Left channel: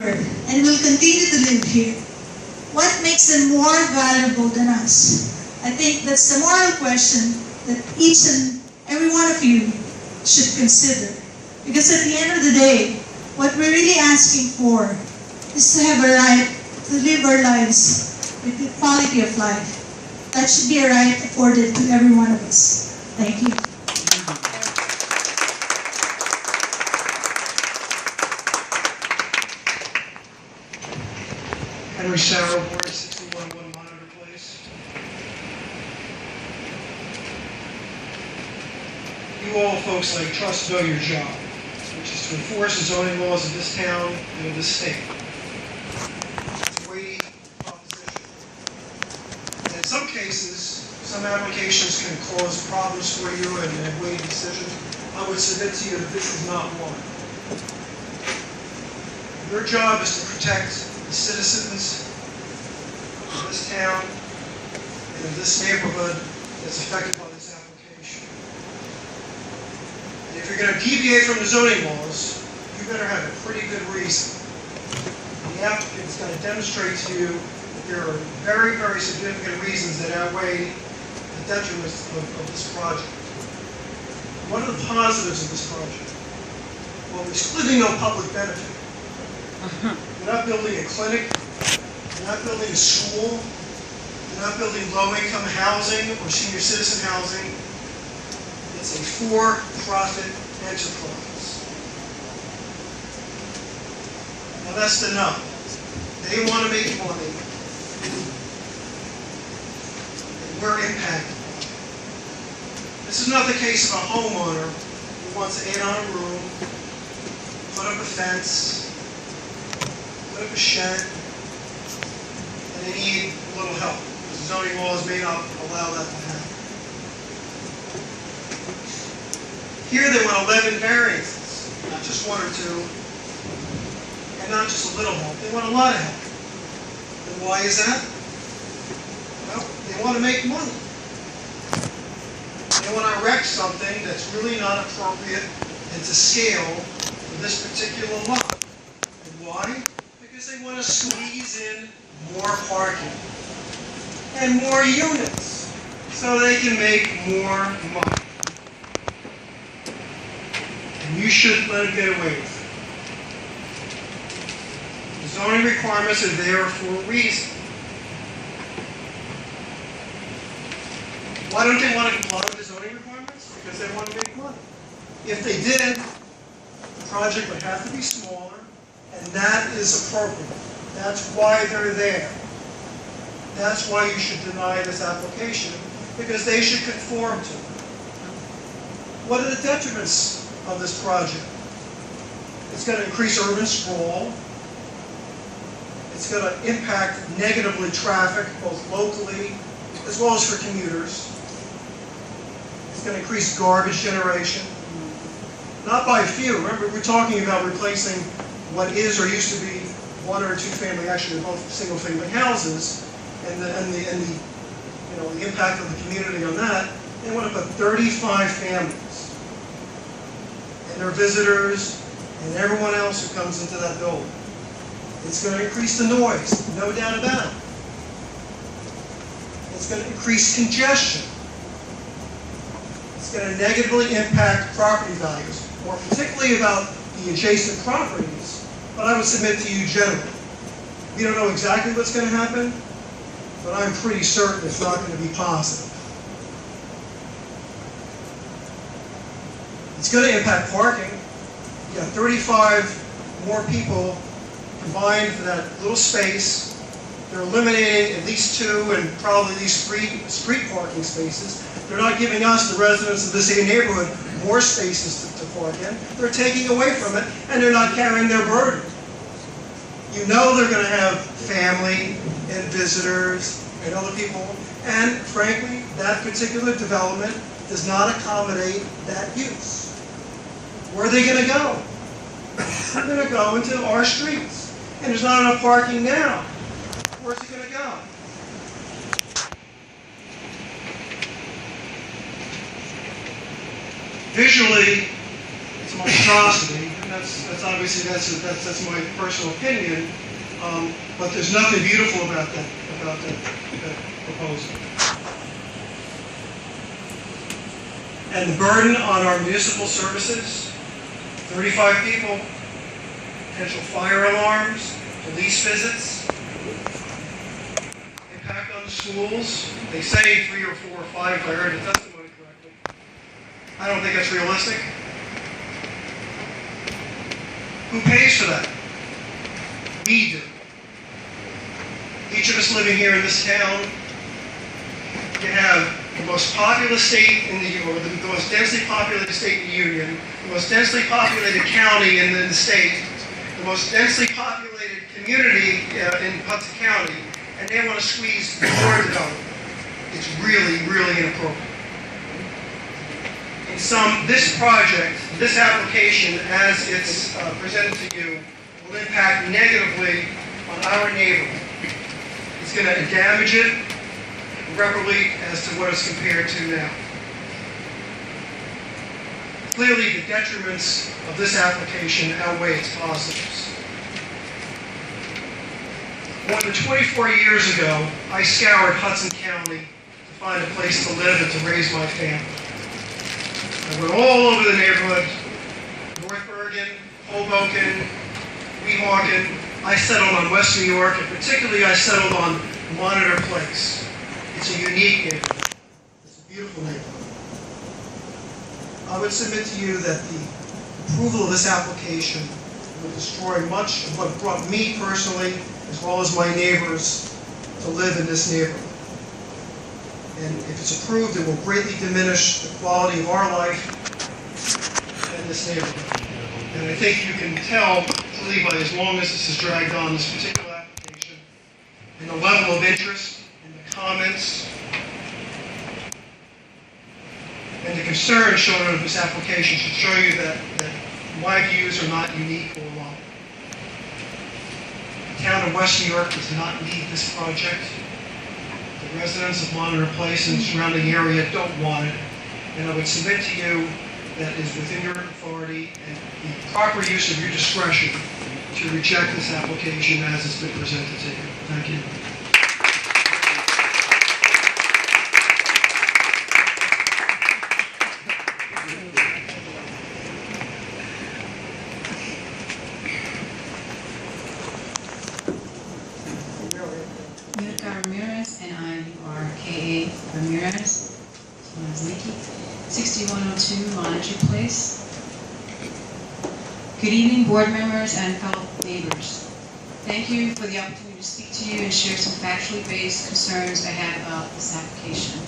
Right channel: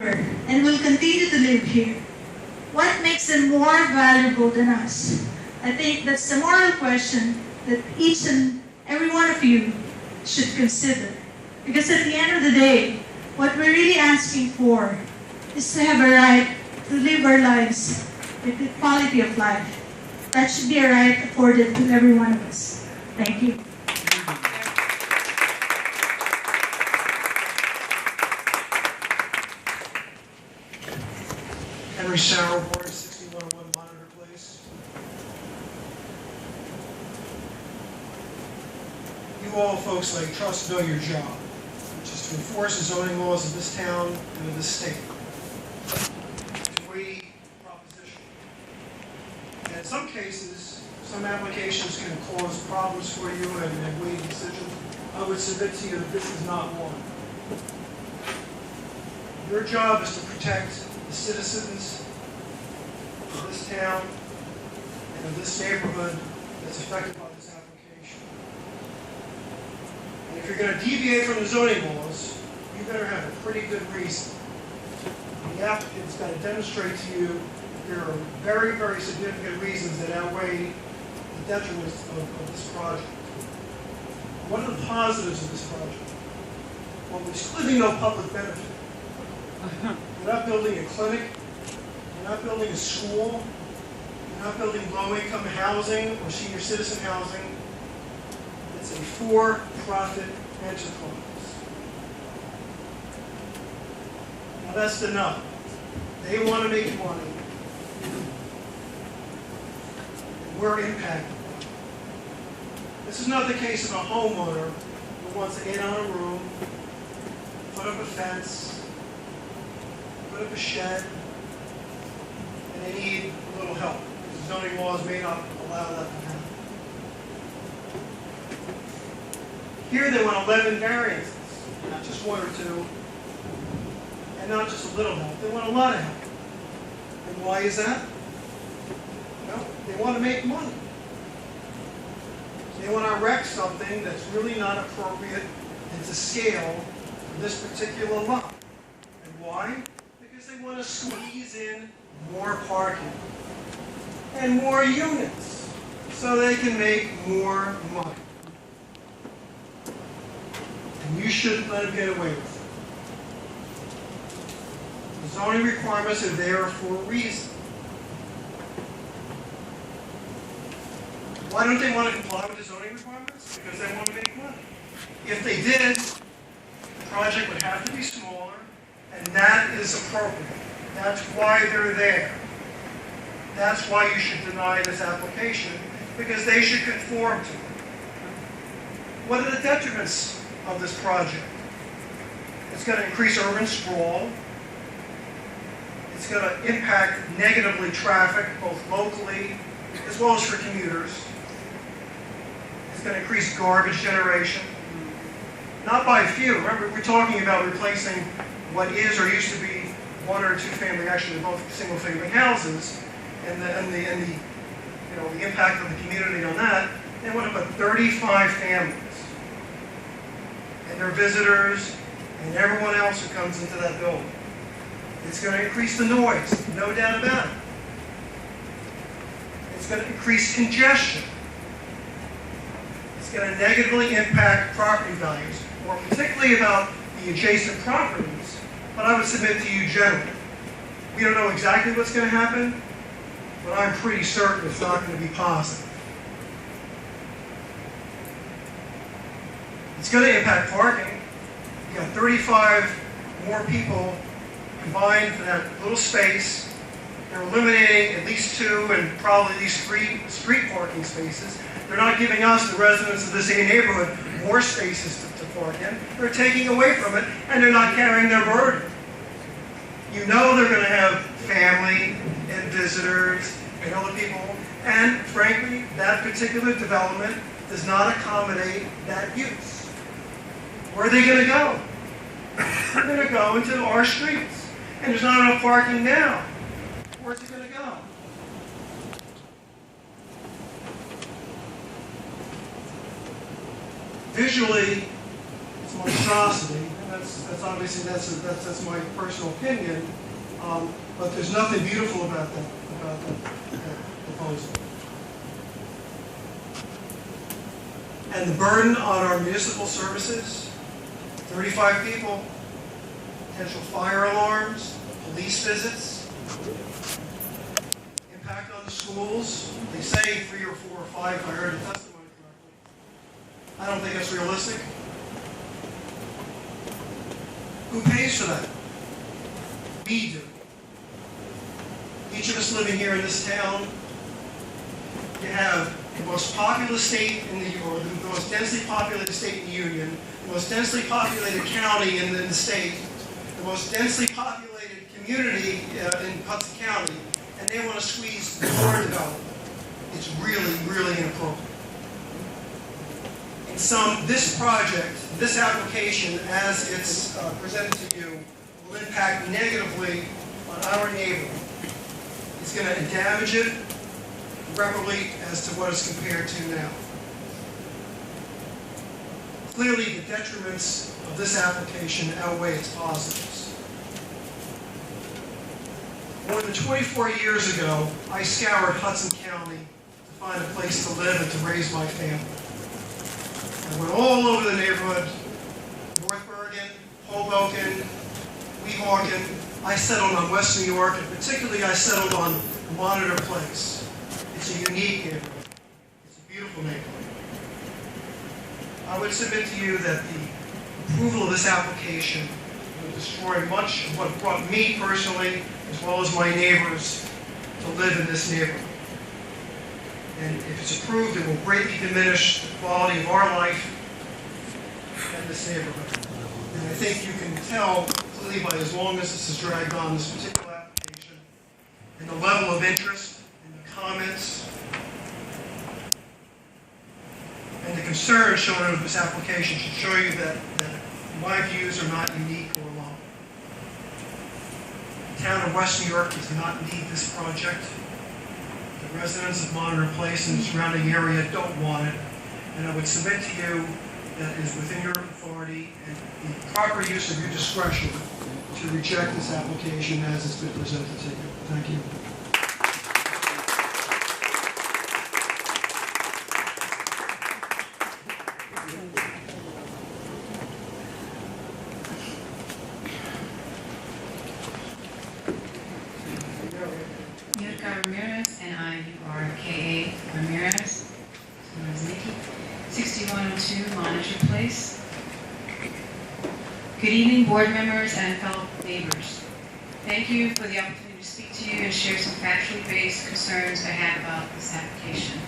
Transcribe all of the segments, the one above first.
and will continue to live here. What makes them more valuable than us? I think that's the moral question that each and every one of you should consider. Because at the end of the day, what we're really asking for is to have a right to live our lives with the quality of life. That should be a right afforded to every one of us. Thank you. Henry Sauer, Board 6101 Monitor Place. You all folks like trust know your job, which is to enforce the zoning laws of this town and of this state. It's a weighty proposition. And in some cases, some applications can cause problems for you and weighty decisions. I would submit to you that this is not one. Your job is to protect the citizens of this town and of this neighborhood that's affected by this application. And if you're going to deviate from the zoning laws, you better have a pretty good reason. The applicant's got to demonstrate to you that there are very, very significant reasons that outweigh the detriments of this project. What are the positives of this project? Well, there's clearly no public benefit. You're not building a clinic, you're not building a school, you're not building low-income housing or senior citizen housing. It's a for-profit enterprise. Now that's the nub. They want to make money, and we're impacted. This is not the case of a homeowner who wants to add on a room, put up a fence, put up a shed, and they need a little help. The zoning laws may not allow that to happen. Here they want 11 variances, not just one or two, and not just a little help. They want a lot of help. And why is that? Well, they want to make money. They want to erect something that's really not appropriate and to scale for this particular lot. And why? Because they want to squeeze in more parking and more units so they can make more money. And you shouldn't let them get away with it. The zoning requirements are there for a reason. Why don't they want to comply with the zoning requirements? Because they want to make money. If they did, the project would have to be smaller, and that is appropriate. That's why they're there. That's why you should deny this application, because they should conform to it. What are the detriments of this project? It's going to increase urban sprawl. It's going to impact negatively traffic, both locally as well as for commuters. It's going to increase garbage generation. Not by a few. Remember, we're talking about replacing what is or used to be one or two family, actually both single family houses, and the impact of the community on that. They want to put 35 families and their visitors and everyone else who comes into that building. It's going to increase the noise, no doubt about it. It's going to increase congestion. It's going to negatively impact property values, more particularly about the adjacent properties, but I would submit to you generally. We don't know exactly what's going to happen, but I'm pretty certain it's not going to be positive. It's going to impact parking. You got 35 more people combined for that little space. They're eliminating at least 2 and probably at least 3 street parking spaces. They're not giving us, the residents of this neighborhood, more spaces to park in. They're taking away from it, and they're not carrying their burden. You know they're going to have family and visitors and other people, and frankly, that particular development does not accommodate that use. Where are they going to go? They're going to go into our streets, and there's not enough parking now. Where's it going to go? Visually, it's a monstrosity. that's obviously, that's my personal opinion, but there's nothing beautiful about that proposal. And the burden on our municipal services, 35 people, potential fire alarms, police visits, impact on the schools. They say 3 or 4 or 5, if I heard the testimony correctly. I don't think that's realistic. Who pays for that? We do. Each of us living here in this town can have the most populous state in the Union, the most densely populated state in the Union, the most densely populated county in the state, the most densely populated community in Hudson County, and they want to squeeze more development. It's really, really inappropriate. In sum, this project, this application, as it's presented to you, will impact negatively on our neighborhood. It's going to damage it irreparably as to what it's compared to now. Clearly, the detriments of this application outweigh its positives. More than 24 years ago, I scoured Hudson County to find a place to live and to raise my family. I went all over the neighborhood, North Bergen, Hoboken, Weehawken. I settled on West New York, and particularly I settled on Monitor Place. It's a unique neighborhood. It's a beautiful neighborhood. I would submit to you that the approval of this application will destroy much of what brought me personally, as well as my neighbors, to live in this neighborhood. And if it's approved, it will greatly diminish the quality of our life in this neighborhood. And I think you can tell, clearly, by as long as this has dragged on, this particular application, and the level of interest, and the comments, and the concern shown in this application should show you that my views are not unique or wrong. The town of West New York does not need this project. The residents of Monitor Place and the surrounding area don't want it. And I would submit to you that it is within your authority and the proper use of your discretion to reject this application as it's been presented to you. Thank you. Ramirez, and I are K.A. Ramirez, so my name is Nikki, 6102 Monitor Place. Good evening, board members and fellow neighbors. Thank you for the opportunity to speak to you and share some factually based concerns I have about this application.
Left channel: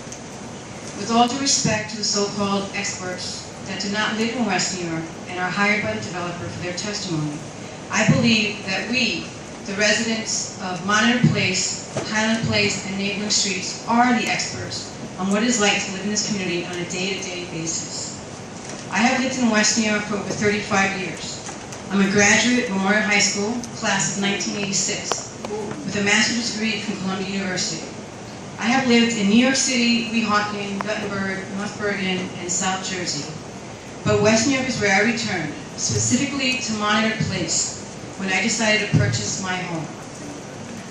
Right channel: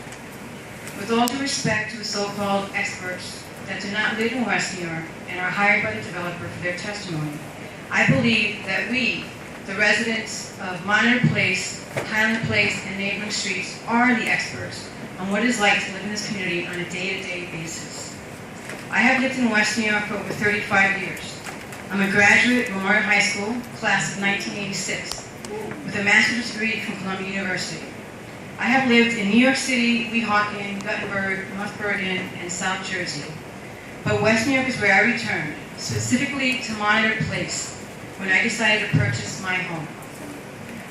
With all due respect to the so-called experts that do not live in West New York and are hired by the developer for their testimony, I believe that we, the residents of Monitor Place, Highland Place, and neighboring streets are the experts on what it's like to live in this community on a day-to-day basis. I have lived in West New York for over 35 years. I'm a graduate of Memorial High School, class of 1986, with a master's degree from Columbia University. I have lived in New York City, Weehawken, Guttenberg, North Bergen, and South Jersey. But West New York is where I returned, specifically to Monitor Place, when I decided to purchase my home.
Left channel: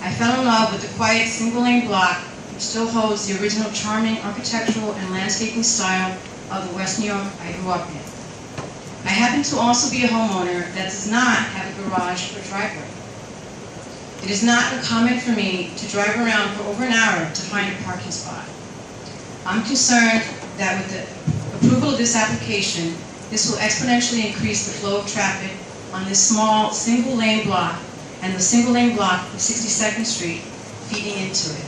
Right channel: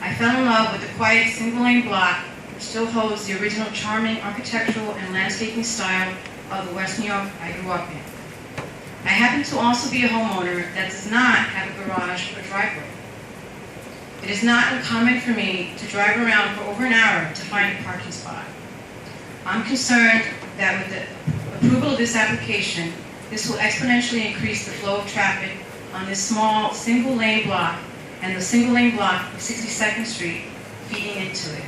I fell in love with the quiet single-lane block, which still holds the original charming architectural and landscaping style of the West New York I grew up in. I happen to also be a homeowner that does not have a garage or driveway. It is not uncommon for me to drive around for over an hour to find a parking spot. I'm concerned that with the approval of this application, this will exponentially increase the flow of traffic on this small single-lane block and the single-lane block of 62nd Street feeding into it.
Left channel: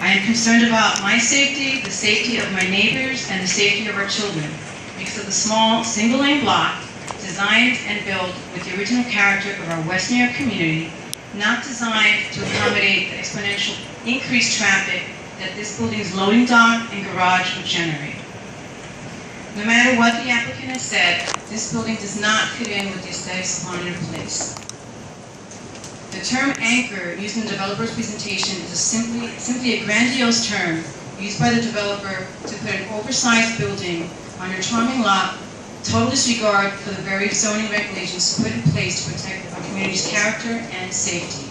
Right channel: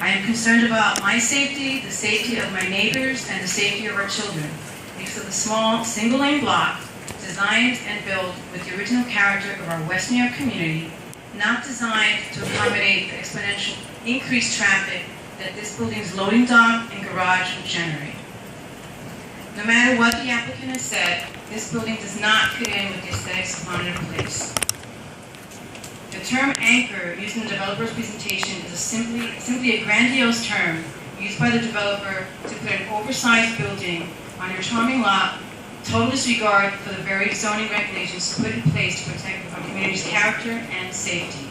I am concerned about my safety, the safety of my neighbors, and the safety of our children because of the small single-lane block designed and built with the original character of our West New York community, not designed to accommodate the exponential increased traffic that this building's loading dock and garage would generate. No matter what the applicant has said, this building does not fit in with the aesthetics of Monitor Place. The term anchor used in the developer's presentation is simply a grandiose term used by the developer to put an oversized building on a charming lot total disregard for the very zoning regulations put in place to protect our community's character and safety.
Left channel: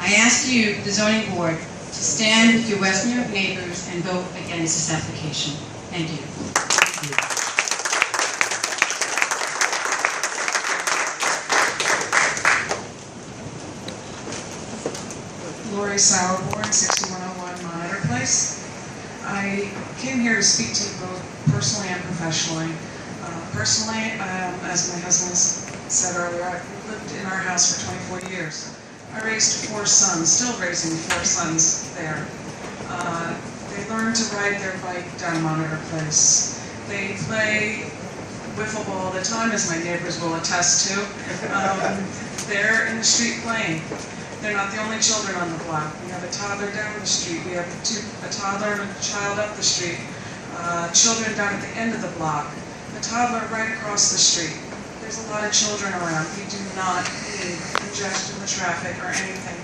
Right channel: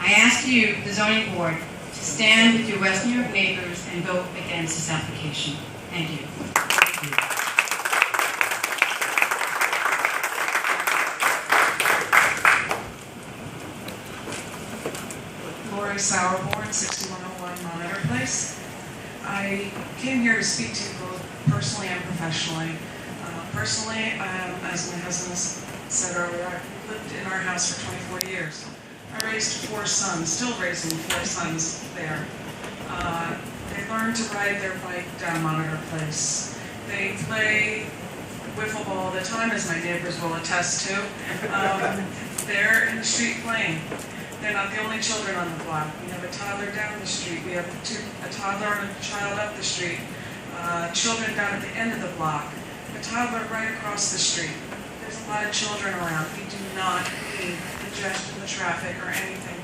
I ask you, the zoning board, to stand with your West New York neighbors and vote against this application. Thank you. Lori Sauerborn, 6101 Monitor Place. I came here to speak to you both personally and professionally. Personally, as my husband said earlier, I've lived in our house for 24 years. I raised 4 sons, still raising 4 sons there. They learn to ride their bike down Monitor Place. They play wiffle ball all the time, as my neighbors will attest to. They're in the street playing. They're not the only children on the block. We have a toddler down the street. We have a toddler and a child up the street. Children down at the end of the block. A toddler right across the street. There's a lot of children around. We do not need congestion of traffic or anything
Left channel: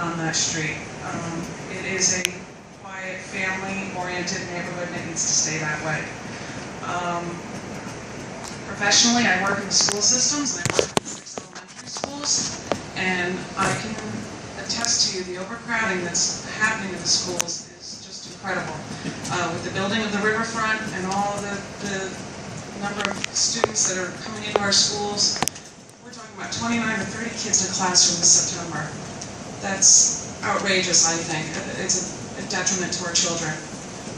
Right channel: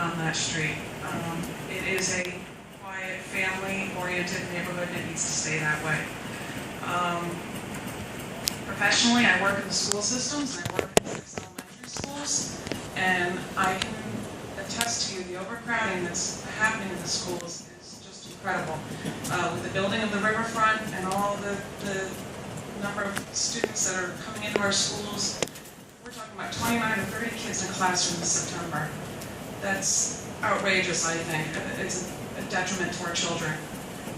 on that street. It is a quiet, family-oriented neighborhood, and it needs to stay that way. Professionally, I work in the school systems, and I work in 6 elementary schools, and I can attest to you the overcrowding that's happening in the schools is just incredible. With the building of the riverfront and all of the number of students that are coming into our schools, we're talking about 29 to 30 kids in a classroom in September. That's outrageous, I think. It's a detriment to our children.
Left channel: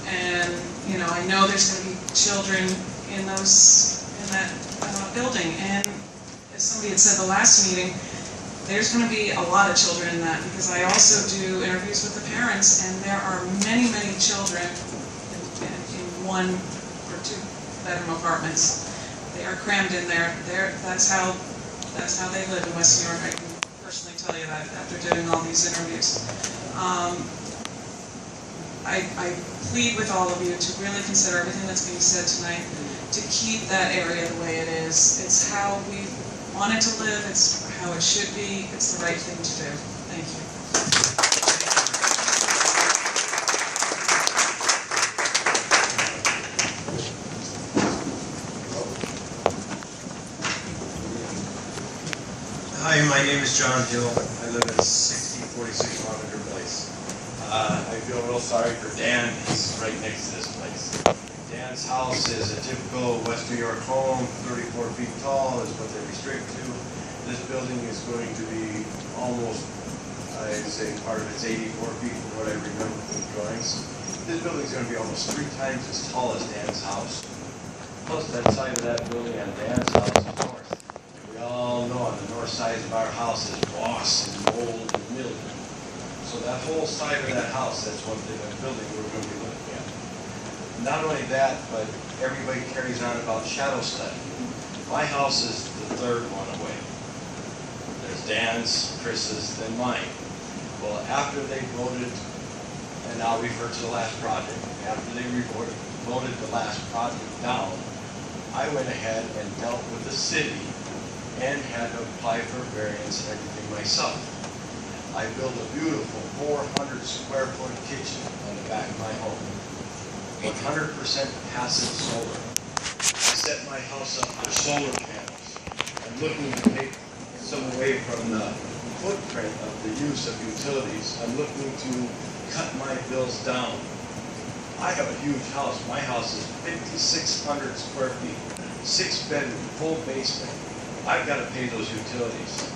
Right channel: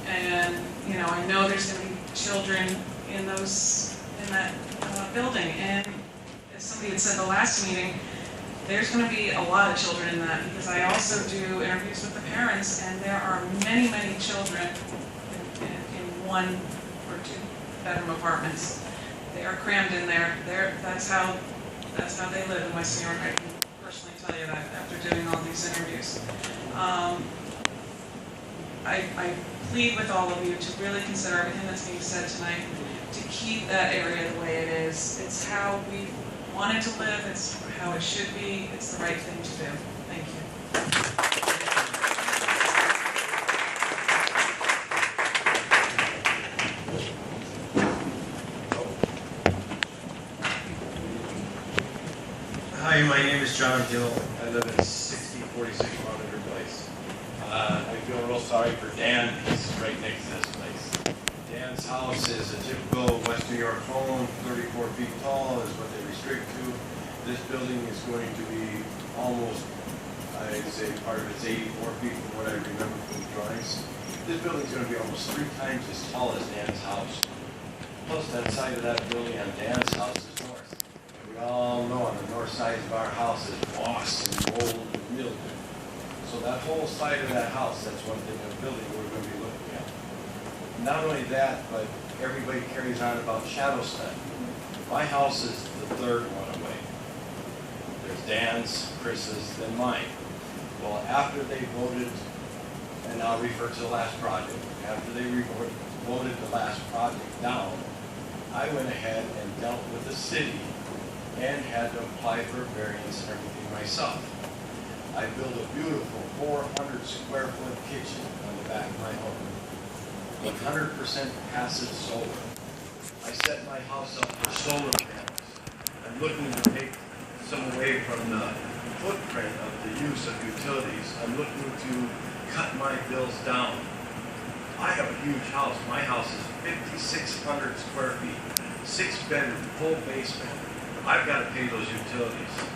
And, you know, I know there's going to be children in that building. And as somebody had said the last meeting, there's going to be a lot of children in that, because I also do interviews with the parents, and there are many, many children in 1 or 2 bedroom apartments. They are crammed in there. That's how they live in West New York. I can personally tell you that after doing all these interviews. I plead with all of you to really consider everything that's being said tonight, to keep that area the way it is. It's how we wanted to live. It's how it should be. It's the right thing to do. Thank you. Hi, my name is John Hill. I live at 6046 Monitor Place. I feel real sorry for Dan. He's right next to this place. Dan's house is a typical West New York home, 34 feet tall is what they restrict to. This building is going to be almost, I'd say part of it's 84 feet from what I remember from the drawings. This building is going to be almost 3 times as tall as Dan's house. Plus that side of that building on Dan's house is north. And we all know on the north side of our house is moss and mold and mildew. So that whole side of that house, that's one thing of building we're going to be looking at. Not only that, but everybody carries on about shadow study. My house is the 3rd one away. There's Dan's, Chris's, then mine. Well, after they voted, and I'll refer to the last project, after they voted the last project down, I went ahead and dealt with the city and had to apply for variance and everything myself. I built a beautiful 400 square foot kitchen on the back of my home. 100% passive solar. I set my house up with solar panels. I'm looking to take some away from the footprint of the use of utilities. I'm looking to cut my bills down. I have a huge house. My house is 5,600 square feet, 6 bedroom, full basement. I've got to pay those utilities.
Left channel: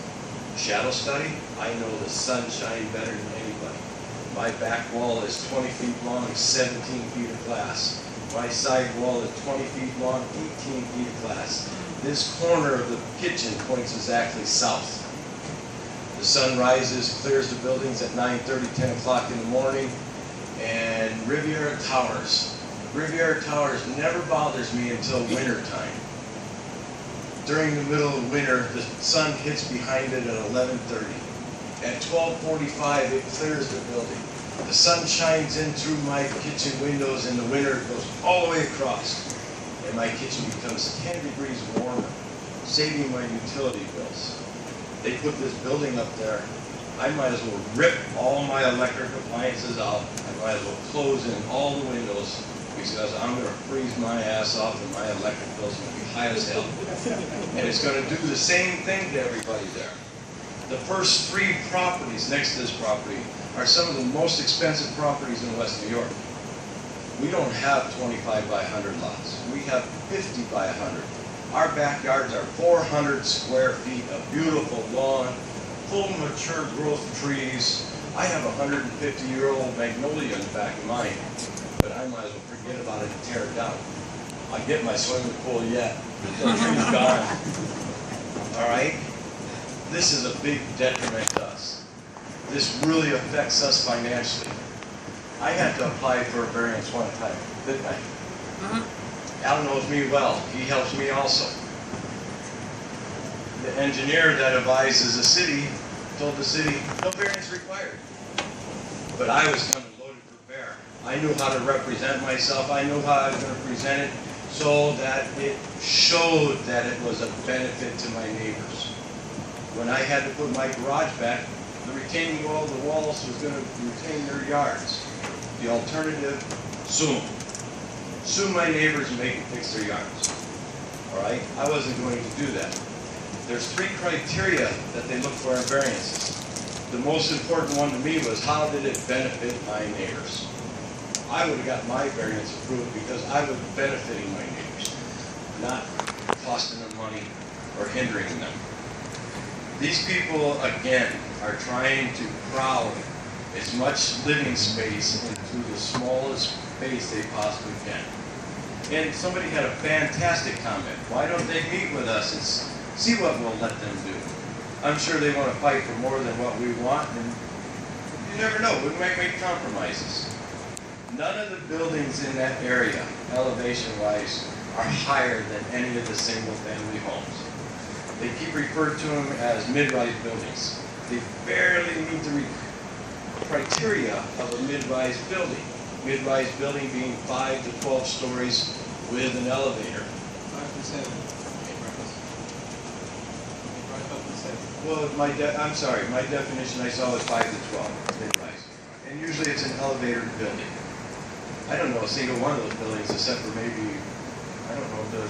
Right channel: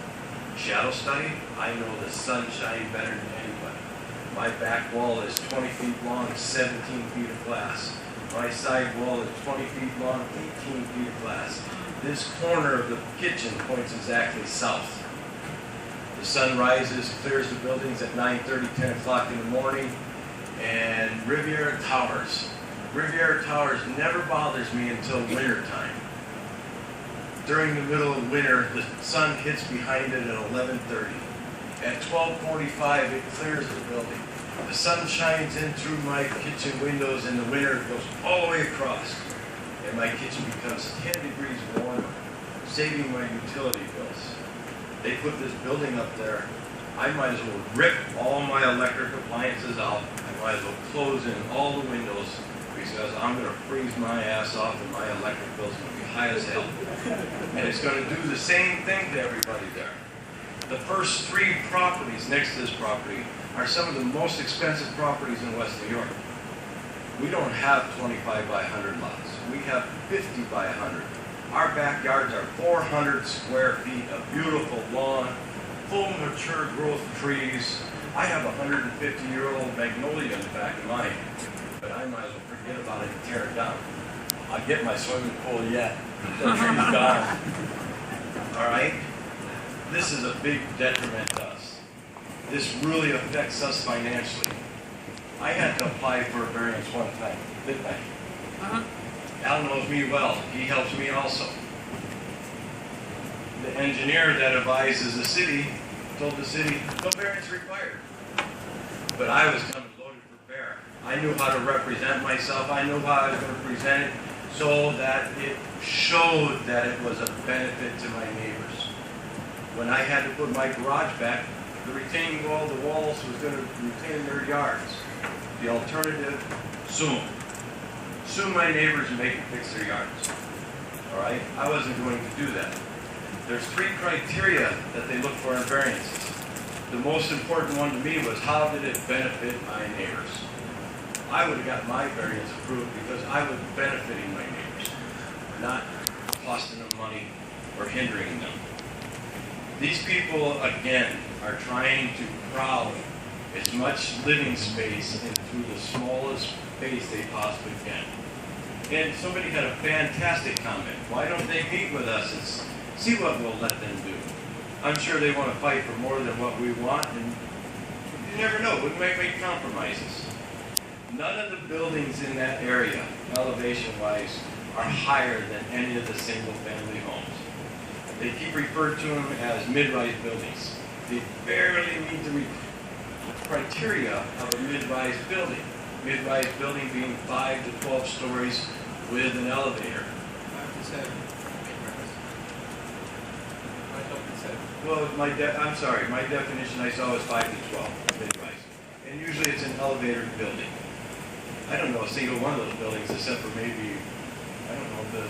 Shadow study, I know the sunshine better than anybody. My back wall is 20 feet long, 17 feet of glass. My side wall is 20 feet long, 18 feet of glass. This corner of the kitchen points exactly south. The sun rises, clears the buildings at 9:30, 10 o'clock in the morning, and Riviera Towers. Riviera Towers never bothers me until winter time. During the middle of winter, the sun hits behind it at 11:30. At 12:45, it clears the building. The sun shines in through my kitchen windows in the winter, it goes all the way across. And my kitchen becomes 10 degrees warmer, saving my utility bills. They put this building up there. I might as well rip all my electric appliances out. I might as well close in all the windows because I'm gonna freeze my ass off and my electric bill's gonna be high as hell. And it's gonna do the same thing to everybody there. The first 3 properties next to this property are some of the most expensive properties in West New York. We don't have 25 by 100 lots. We have 50 by 100. Our backyards are 400 square feet of beautiful lawn, full mature growth trees. I have a 150-year-old magnolia in the back of mine, but I might as well forget about it and tear it down. I'll get my swimming pool yet. The tree's gone. All right? This is a big detriment to us. This really affects us financially. I had to apply for a variance one time, didn't I? Al knows me well. He helps me also. The engineer that advises the city told the city, no variance required. But I was kind of loaded for bear. I knew how to represent myself. I knew how I was going to present it so that it showed that it was a benefit to my neighbors. When I had to put my garage back, the retaining wall, the walls was going to retain their yards. The alternative, sue. Sue my neighbors and make them fix their yards. All right? I wasn't going to do that. There's 3 criteria that they look for in variances. The most important one to me was how did it benefit my neighbors? I would have got my variance approved because I was benefiting my neighbors, not costing them money or hindering them. These people, again, are trying to crowd as much living space into the smallest space they possibly can. And somebody had a fantastic comment. Why don't they meet with us and see what we'll let them do? I'm sure they want to fight for more than what we want, and you never know, we might make compromises. None of the buildings in that area, elevation-wise, are higher than any of the single-family homes. They keep referred to them as mid-rise buildings. They barely meet the criteria of a mid-rise building. Mid-rise building being 5 to 12 stories with an elevator. 5 to 7. Well, I'm sorry, my definition I saw was 5 to 12, mid-rise. And usually it's an elevator building. I don't know a single one of those buildings except for maybe, I don't know, the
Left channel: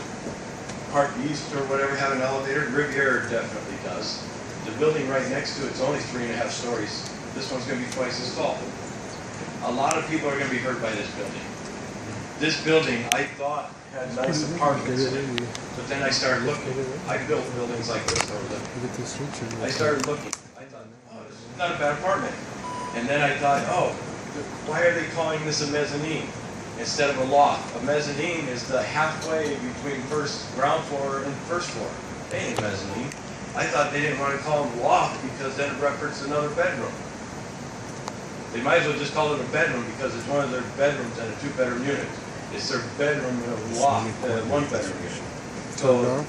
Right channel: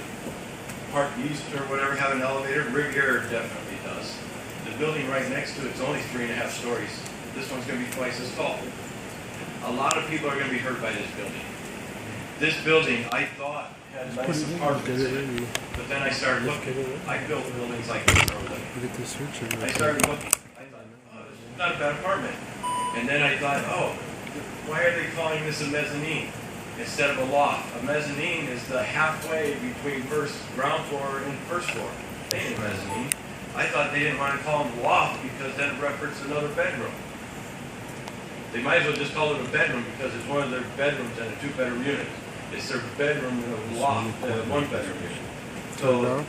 Park East or whatever have an elevator. Riviera definitely does. The building right next to it's only 3.5 stories. This one's going to be twice as tall. A lot of people are going to be hurt by this building. This building, I thought, had nice apartments in it, but then I started looking. I built buildings like this over there. I started looking. I thought, oh, this is not a bad apartment. And then I thought, oh, why are they calling this a mezzanine instead of a loft? A mezzanine is the halfway between ground floor and first floor. They ain't a mezzanine. I thought they didn't want to call them a loft because that referenced another bedroom. They might as well just call it a bedroom because it's one of their bedrooms and a 2-bedroom unit. It's their bedroom in a loft, 1-bedroom unit. So